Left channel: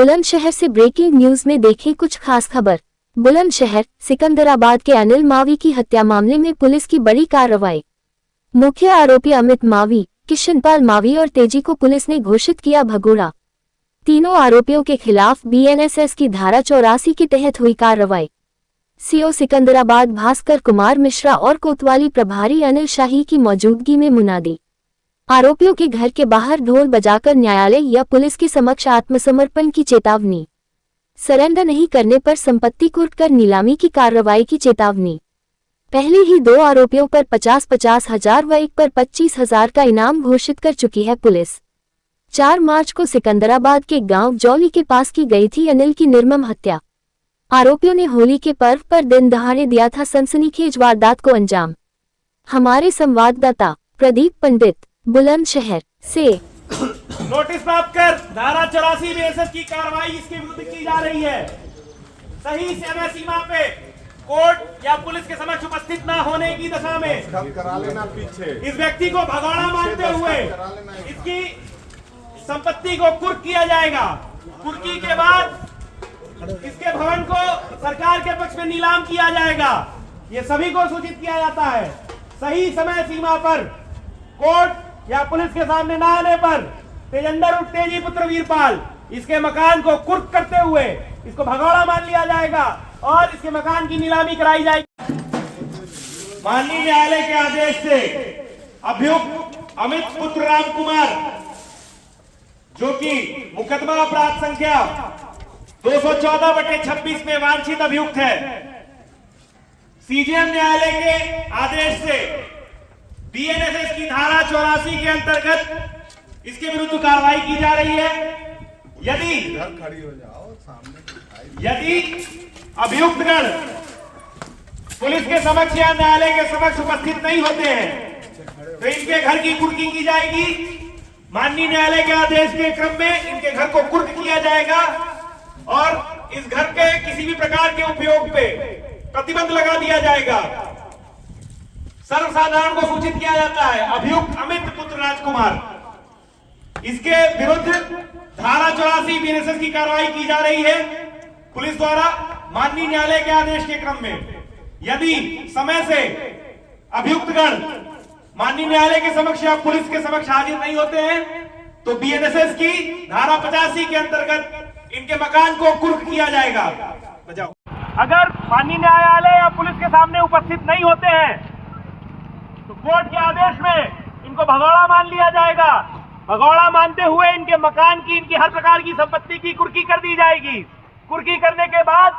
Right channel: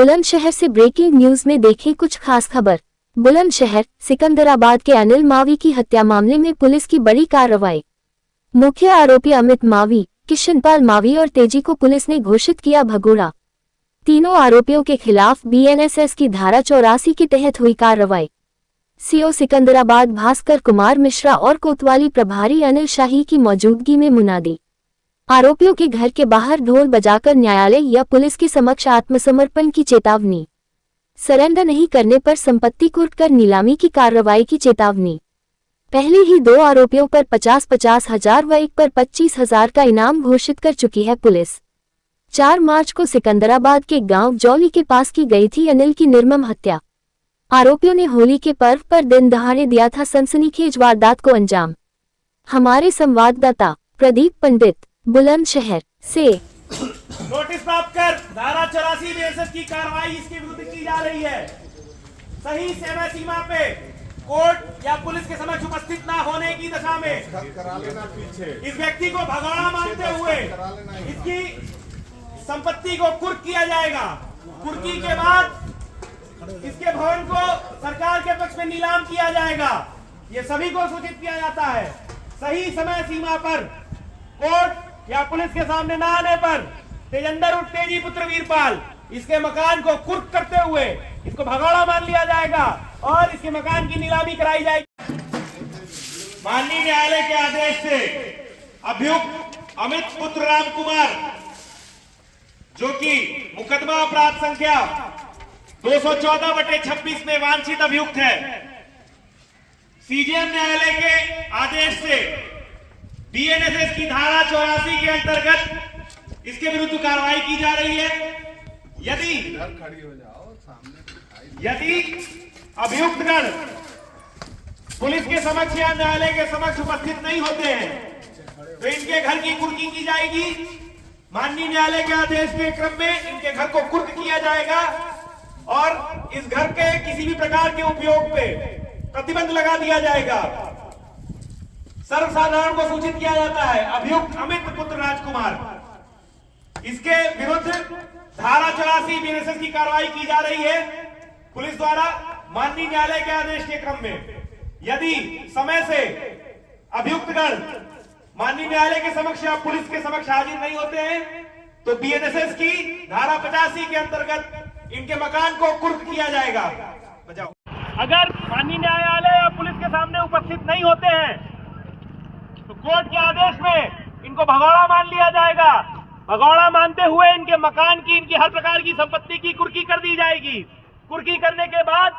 बुलंदशहर से breaking news में देखें कुछ खास खबर। बुलंदशहर सिकंदराबाद के अनिल मावी की हत्या मामले में पुलिस की बड़ी कार्रवाई। मुख्य आरोपी अमित मावी, किशनपाल मावी और तेजी को पुलिस ने घोषित किया भगोड़ा। तीनों आरोपियों के खिलाफ बीएनएसएस की धारा 84 के तहत हुई कार्रवाई। सीओ सिकंदराबाद भास्कर कुमार मिश्रा और कोतवाली प्रभारी अनिल शाही की मौजूदगी में मुनादी। आरोपियों के घर के बाहर ढोल बजाकर न्यायालय या पुलिस के समक्ष आत्मसमर्पण की चेतावनी। सरेंडर नहीं करने पर संपत्ति कुर्क कर नीलामी की कार्रवाई की चेतावनी। पहले ही 2 आरोपियों पर 50-50 हजार व एक पर 25 हजार का इनाम घोषित कर चुकी है पुलिस। 4 मार्च को सिकंदराबाद के गांव जौली के पास की गई थी अनिल की निर्मम हत्या। आरोपियों ने होली के पर्व पर दिन दहाड़े दिया था सनसनीखेज वारदात को अंजाम। हमारे संवाददाता प्रदीप पंडित बुलंदशहर से नोटिस प्राप्त कर धारा 84 बीएनएसएस की कार्रवाई इसके विरुद्ध की जा रही है। सही समय सीमा पे कोर्ट या पुलिस के समक्ष उपस्थित न होने की दशा में करा लेना पीछे इस व्यक्ति को भगोड़ा मानते हुए इसकी संपत्ति को कुर्क किया जाएगा। कुर्की के बाद इसके भवन को सरकार के पक्ष में नीलाम किया जाएगा। ये सभी को सूचित किया जाता है। सही समय सीमा पर कोर्ट या पुलिस के सामने न आने पर तेजंदर उर्फ तेजी पुत्र वीरपाल इसके मकान को कुर्क करते हुए इसको भगोड़ा मान लिया जाएगा और इसके मकान की नीलामी कराई जाएगी। माननीय न्यायालय के आदेश से अभियुक्त अमित पुत्र राम कुमार, जो कि मुकदमा अपराध संख्या 214/26 में वांछित अभियुक्त है, सीजेएम न्यायालय के आदेश से बीएनएसएस की धारा 84 के अंतर्गत इसके विरुद्ध कार्रवाई की जा रही है। यदि अभियुक्तगण पुलिस के समक्ष या न्यायालय के समक्ष उपस्थित नहीं होते हैं तो इनके घर की कुर्की की जाएगी। माननीय न्यायालय के आदेश के क्रम में इनके घर को कुर्क किया जाएगा और इस घर के किसी भी प्रकार के उपयोग पे प्रतिबंध लगा दिया जाएगा। सर्वसाधारण को सूचित किया जाता है अभियुक्त अमित पुत्र राजकुमार, इसके विरुद्ध धारा 84 बीएनएसएस की कार्रवाई की जा रही है पुलिस द्वारा माननीय न्यायालय के आदेश के क्रम में। यदि समय से अभियुक्तगण माननीय न्यायालय के समक्ष या पुलिस के समक्ष हाजिर नहीं होते हैं तो बीएनएसएस की धारा 85 के अंतर्गत इनके मकान को कुर्क किया जाएगा। बजाओ। अगर माननीय न्यायालय या पुलिस के सामने उपस्थित नहीं होते हैं तो कोर्ट के आदेश में इनको भगोड़ा मान लिया जाएगा। भगोड़ा मानते हुए इनके मकान की, इनकी हर प्रकार की संपत्ति की कुर्की कर दी जाएगी। कुर्की करने के बाद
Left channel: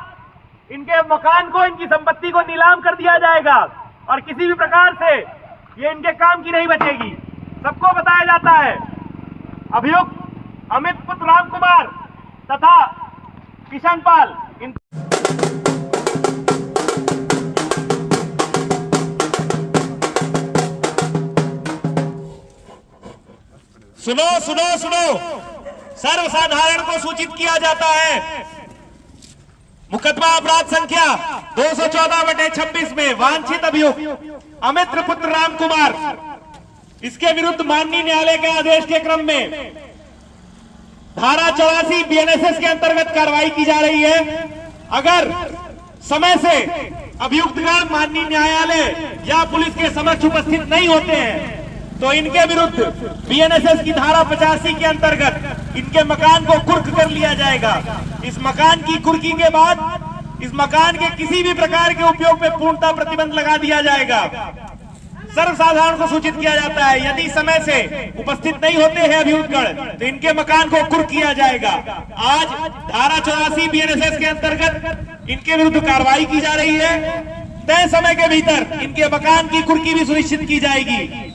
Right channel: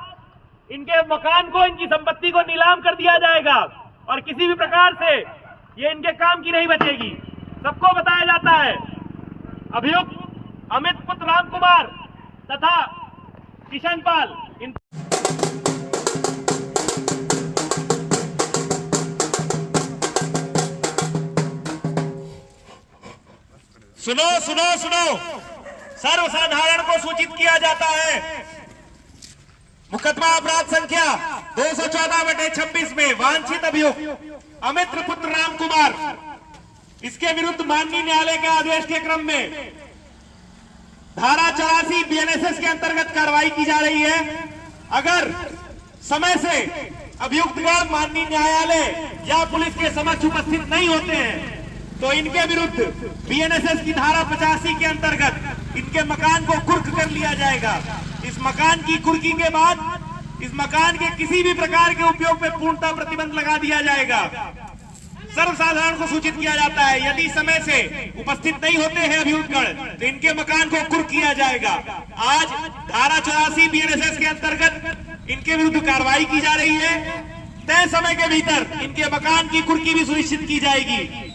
इनके मकान को, इनकी संपत्ति को नीलाम कर दिया जाएगा और किसी भी प्रकार से ये इनके काम की नहीं बचेगी। सबको बताया जाता है अभियुक्त अमित पुत्र राम कुमार तथा किशनपाल सुनो सुनो सुनो, सर्वसाधारण को सूचित किया जाता है मुकदमा अपराध संख्या 214/26 में वांछित अभियुक्त अमित पुत्र राम कुमार, इसके विरुद्ध माननीय न्यायालय के आदेश के क्रम में धारा 84 बीएनएसएस के अंतर्गत कार्रवाई की जा रही है। अगर समय से अभियुक्तगण माननीय न्यायालय या पुलिस के समक्ष उपस्थित नहीं होते हैं तो इनके विरुद्ध बीएनएसएस की धारा 85 के अंतर्गत इनके मकान को कुर्क कर लिया जाएगा। इस मकान की कुर्की के बाद इस मकान के किसी भी प्रकार के उपयोग पे पूर्णतः प्रतिबंध लगा दिया जाएगा। सर्वसाधारण को सूचित किया जाता है यदि समय से उपस्थित नहीं होते हैं अभियुक्तगण तो इनके मकान को कुर्क किया जाएगा। आज धारा 84 बीएनएसएस के अंतर्गत इनके विरुद्ध कार्रवाई की जा रही है। तय समय के भीतर इनके मकान की कुर्की भी सुनिश्चित की जाएगी।